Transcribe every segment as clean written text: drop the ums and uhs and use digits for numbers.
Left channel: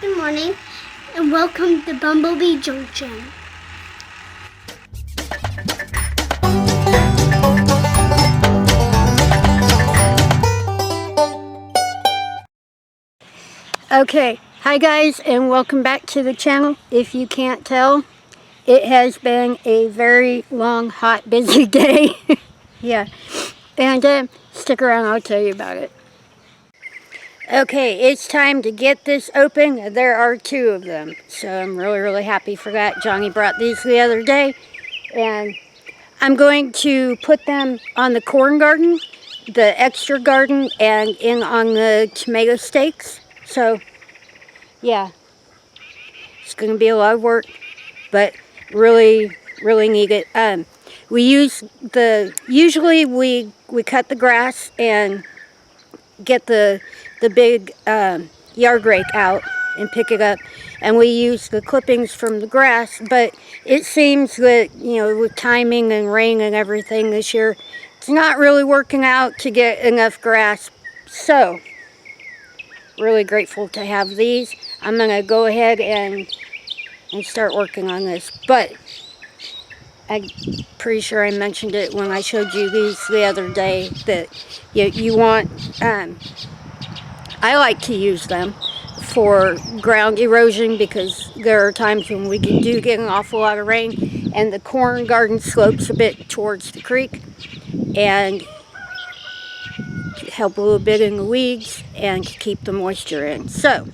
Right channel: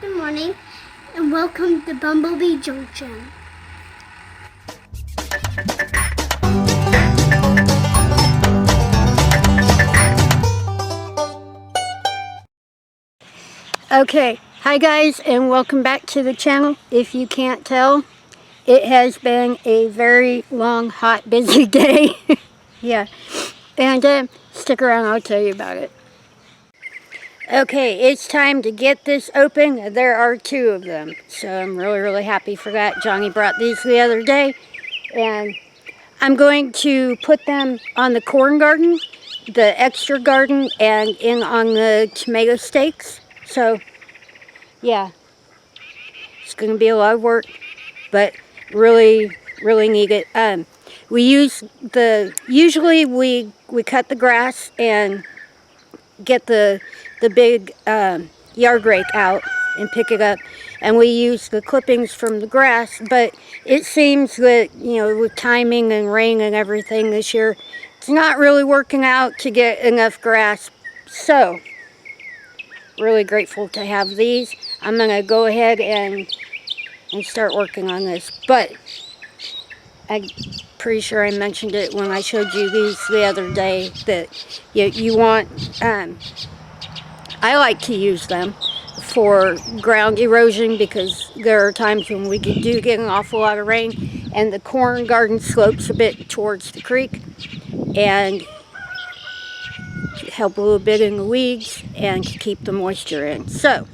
Good morning, and welcome to Bumblebee Junction. Okay, hi guys, and welcome back to the channel. If you can't tell, it has been a very long, hot, busy day. Yeah, and stick around, I'll tell you about it. Okay, it's time to get this open. There are two of them, so I'm really happy for that. Johnny brought these the other day, and I'm going to put them on the corn garden, the extra garden, and in on the tomato stakes. So, yeah, it's going to be a lot of work, but really need it. Usually we cut the grass and get the big yard rake out and pick it up, and we use the clippings from the grass, but it seems that, with timing and rain and everything this year, it's not really working out to get enough grass. So really grateful to have these. I'm gonna go ahead and start working on this, but I'm pretty sure I mentioned it when I showed you these the other day that you want, I like to use them for ground erosion because there are times when we do get an awful lot of rain and the corn garden slopes a bit towards the creek, and help a little bit in the weeds and keep the moisture in. So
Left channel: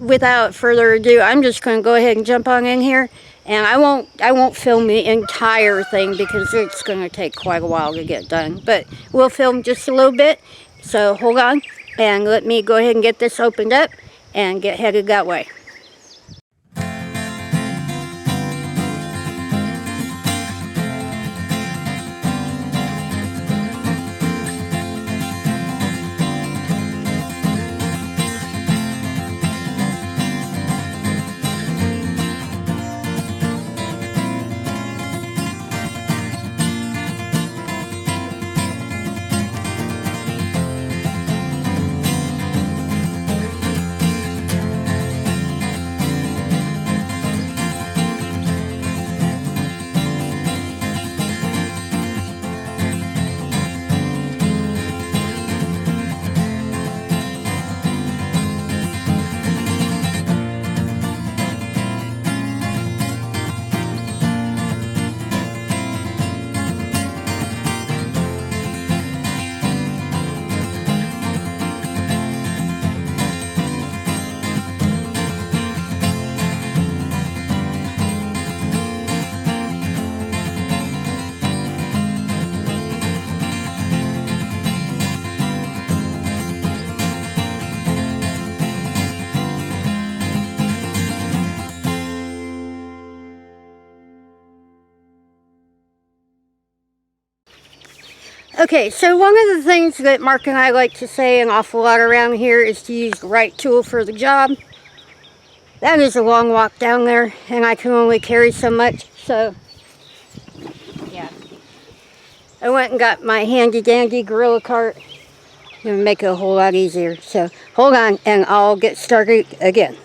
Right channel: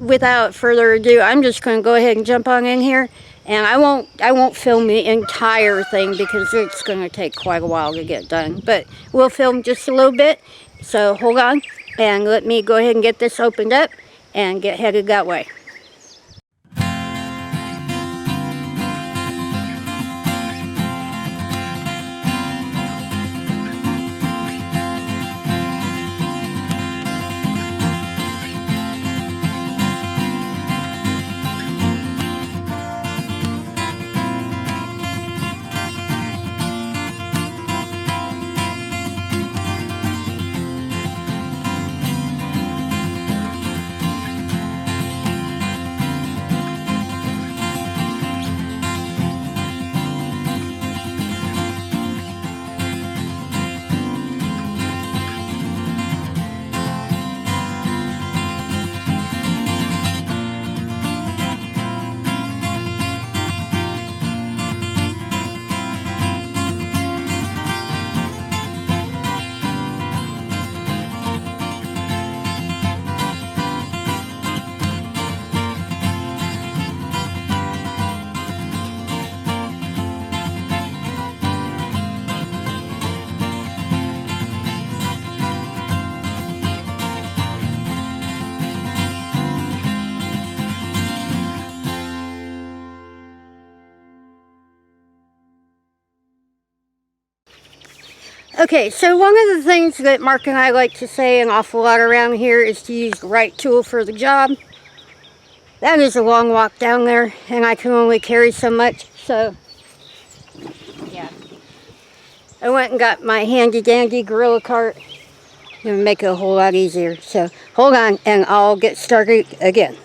without further ado, I'm just going to go ahead and jump on in here, and I won't film the entire thing because it's going to take quite a while to get done, but we'll film just a little bit. So hold on and let me go ahead and get this opened up and get headed that way. Okay, so one of the things that Mark and I like to say an awful lot around here is to use the right tool for the job. That is a long walk down there, and I can only carry so much, so yeah. I went and got my handy dandy gorilla cart. Gonna make it a whole lot easier. So hold on, and I'll get started again.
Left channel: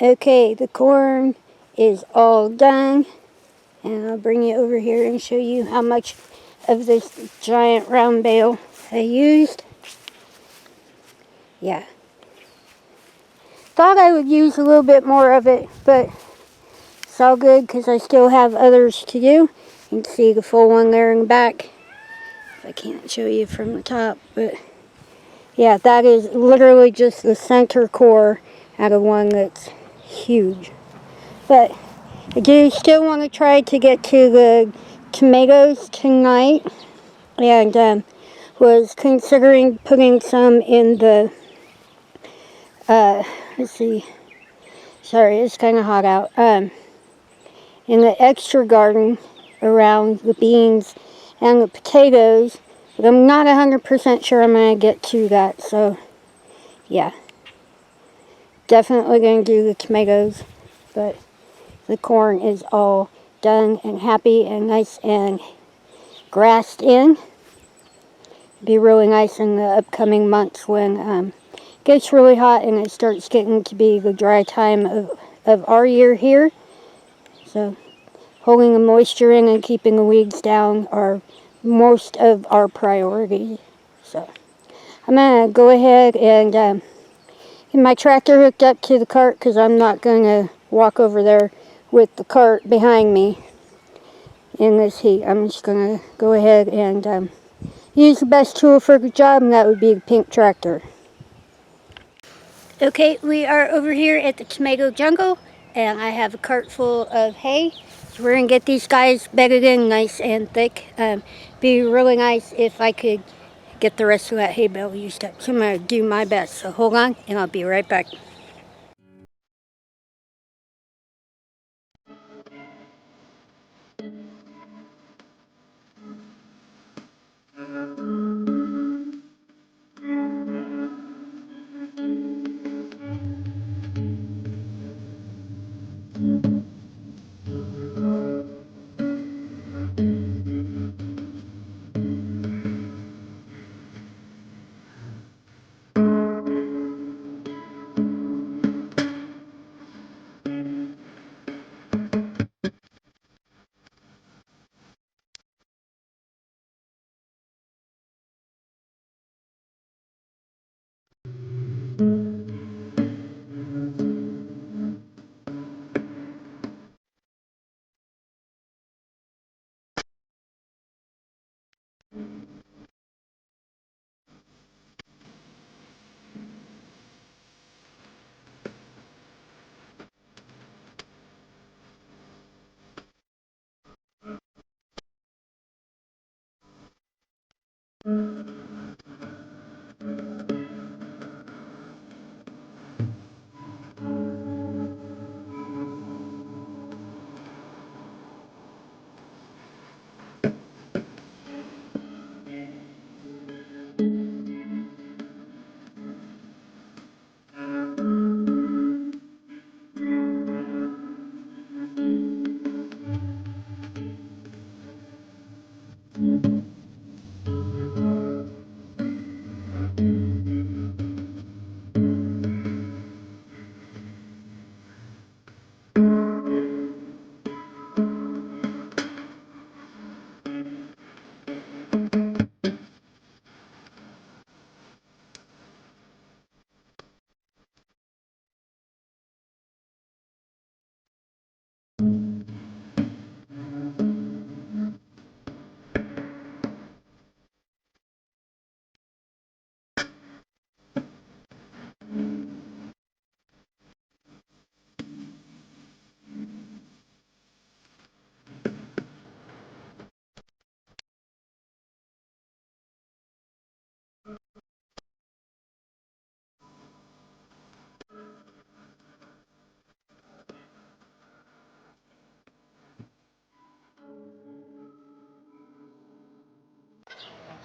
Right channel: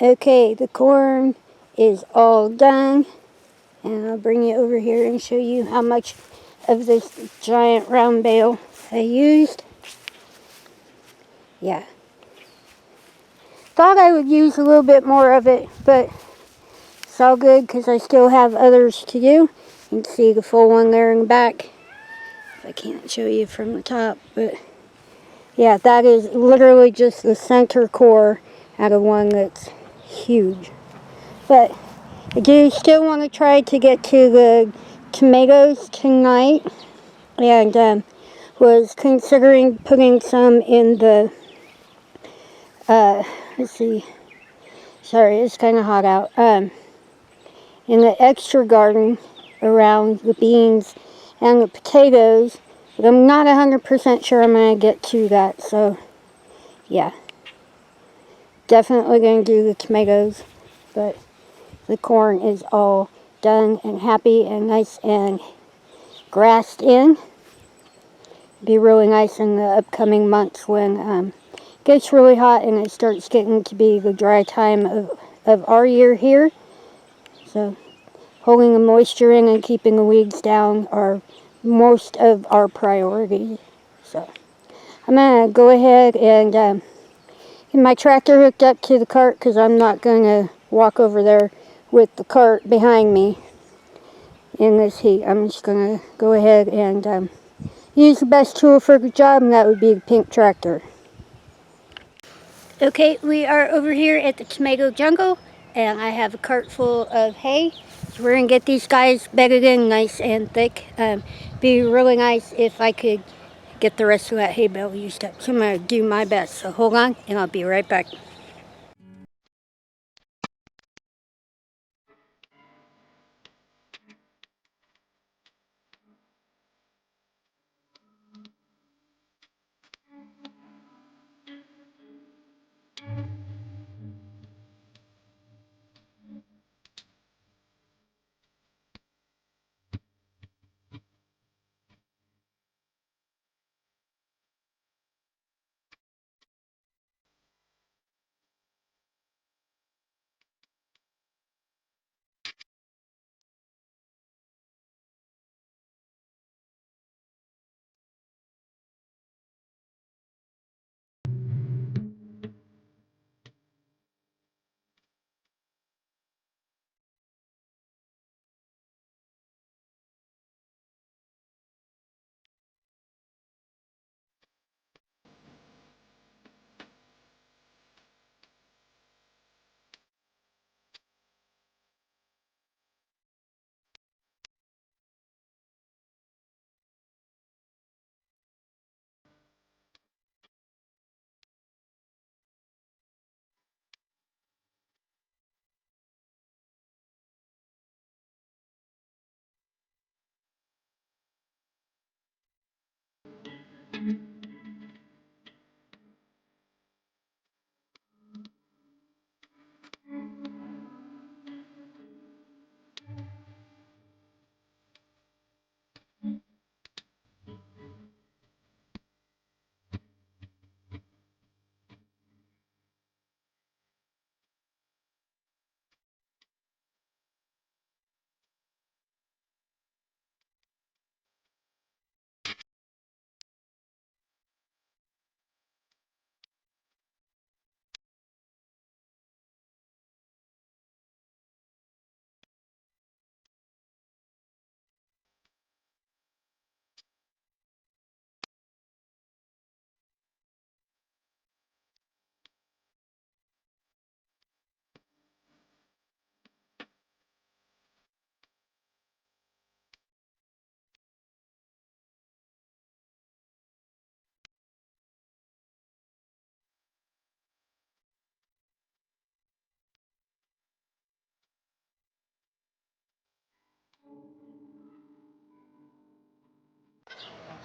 Okay, the corn is all done, and I'll bring you over here and show you how much of this giant round bale I used. Yeah. Thought I would use a little bit more of it, but it's all good because I still have others to do. You can see the full one there in the back. I can't show you from the top, but yeah, that is literally just the center core out of one that's huge. But I do still want to try to get to the tomatoes tonight, and was considering putting some in the, let's see, sorry, it's kind of hot out, in the extra garden around the beans and the potatoes, but I'm not 100% sure I'm going to get to that, so yeah, definitely going to do the tomatoes, but the corn is all done and happy and nice and grassed in. Be really nice in the upcoming months when it gets really hot and it starts getting to be the dry time of our year here. So holding the moisture in and keeping the weeds down are most of our priorities. So I'm going to go ahead and get my tractor hooked up to the cart because I'm not going to walk over there with the cart behind me in this heat. I'm just going to go ahead and use the best tool for the job, and that would be the pink tractor. Okay, we are over here at the tomato jungle, and I have a cart full of hay. So we're going to get these guys bedded in nice and thick. Be really nice if I could get the rest of that hay bale used up. So I'm going to do my best. So hold on, and I'll be right back.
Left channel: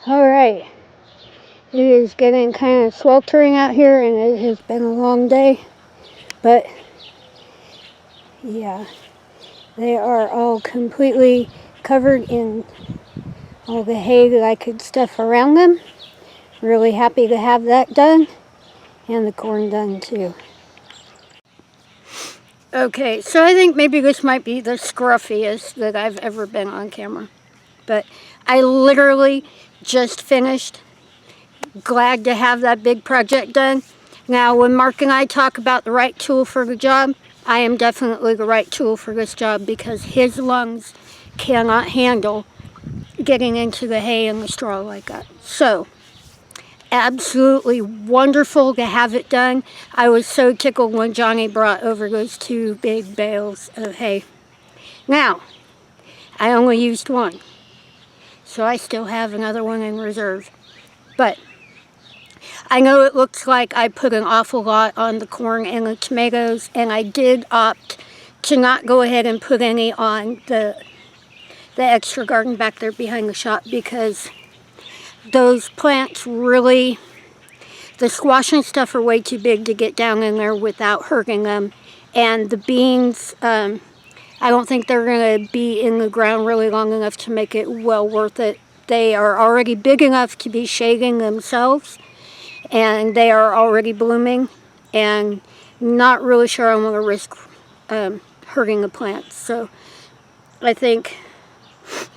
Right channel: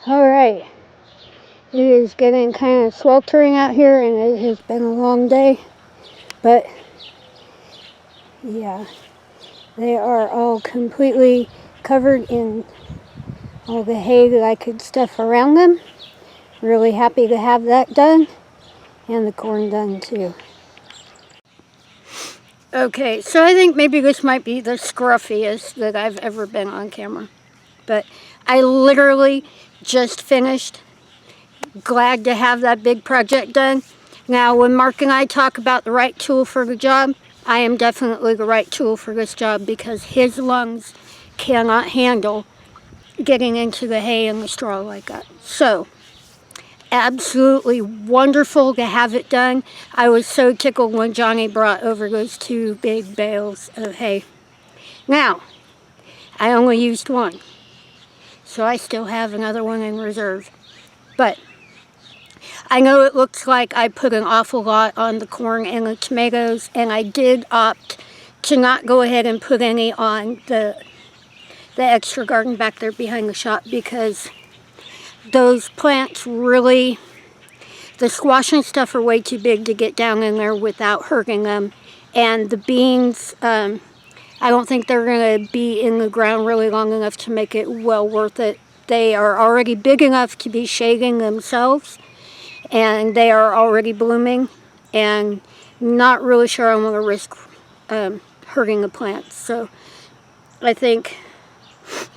Alright, it is getting kind of sweltering out here and it has been a long day, but yeah, they are all completely covered in all the hay that I could stuff around them. Really happy to have that done, and the corn done too. Okay, so I think maybe this might be the scruffiest that I've ever been on camera, but I literally just finished. Glad to have that big project done. Now, when Mark and I talk about the right tool for the job, I am definitely the right tool for this job because his lungs cannot handle getting into the hay and the straw like that. So, absolutely wonderful to have it done. I was so tickled when Johnny brought over those 2 big bales of hay. Now, I only used one, so I still have another one in reserve. But I know it looks like I put an awful lot on the corn and the tomatoes, and I did opt to not go ahead and put any on the extra garden back there behind the shop because those plants really, the squash and stuff are way too big to get down in there without hurting them. And the beans, I don't think they're going to be in the ground really long enough to make it well worth it. They are already big enough to be shading themselves, and they are already blooming, and not really sure I'm going to risk hurting the plants. So I think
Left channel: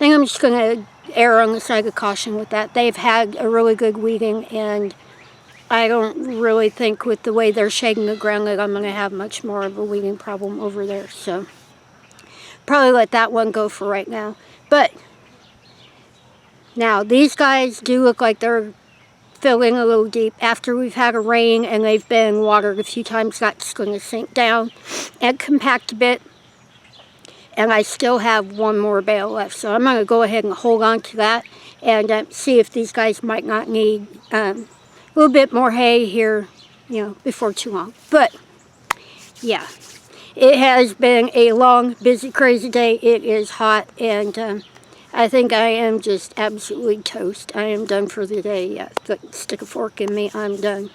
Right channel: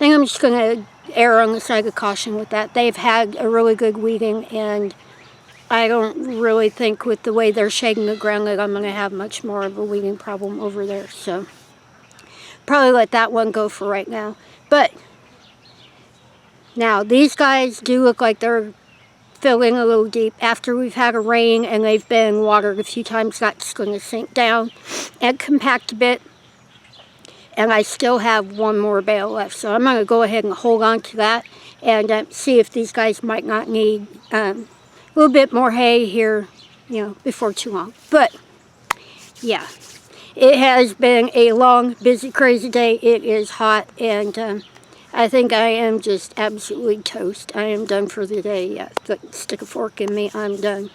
I'm just going to err on the side of caution with that. They've had a really good weeding, and I don't really think with the way they're shading the ground that I'm going to have much more of a weeding problem over there. So probably let that one go for right now. But now these guys do look like they're filling a little deep. After we've had a rain and they've been watered a few times, that's going to sink down and compact a bit. And I still have one more bale left, so I'm going to go ahead and hold on to that and see if these guys might not need a little bit more hay here, before too long. But yeah, it has been a long, busy, crazy day. It is hot, and I think I am just absolutely toast. I am done for the day. Yeah, stick a fork in me, I'm done.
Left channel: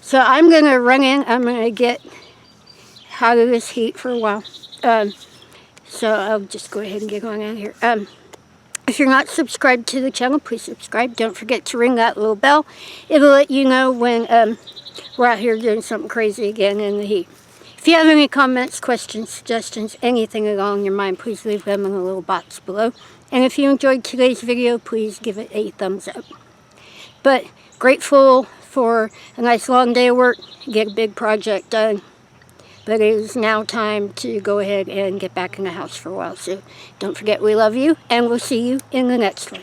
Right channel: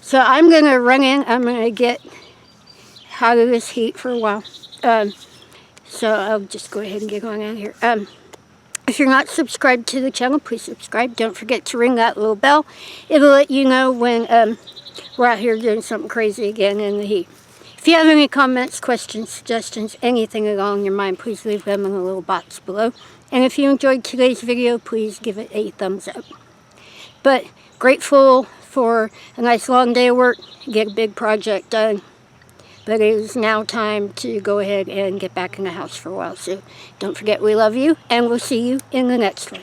So I'm going to run in. I'm going to get out of this heat for a while. So I'll just go ahead and get going out here. If you're not subscribed to the channel, please subscribe. Don't forget to ring that little bell. It'll let you know when we're out here doing something crazy again in the heat. If you have any comments, questions, suggestions, anything along your mind, please leave them in the little box below. And if you enjoyed today's video, please give it a thumbs up. But grateful for a nice long day of work, get a big project done. But it is now time to go ahead and get back in the house for a while. So don't forget we love you, and we'll see you in the next one.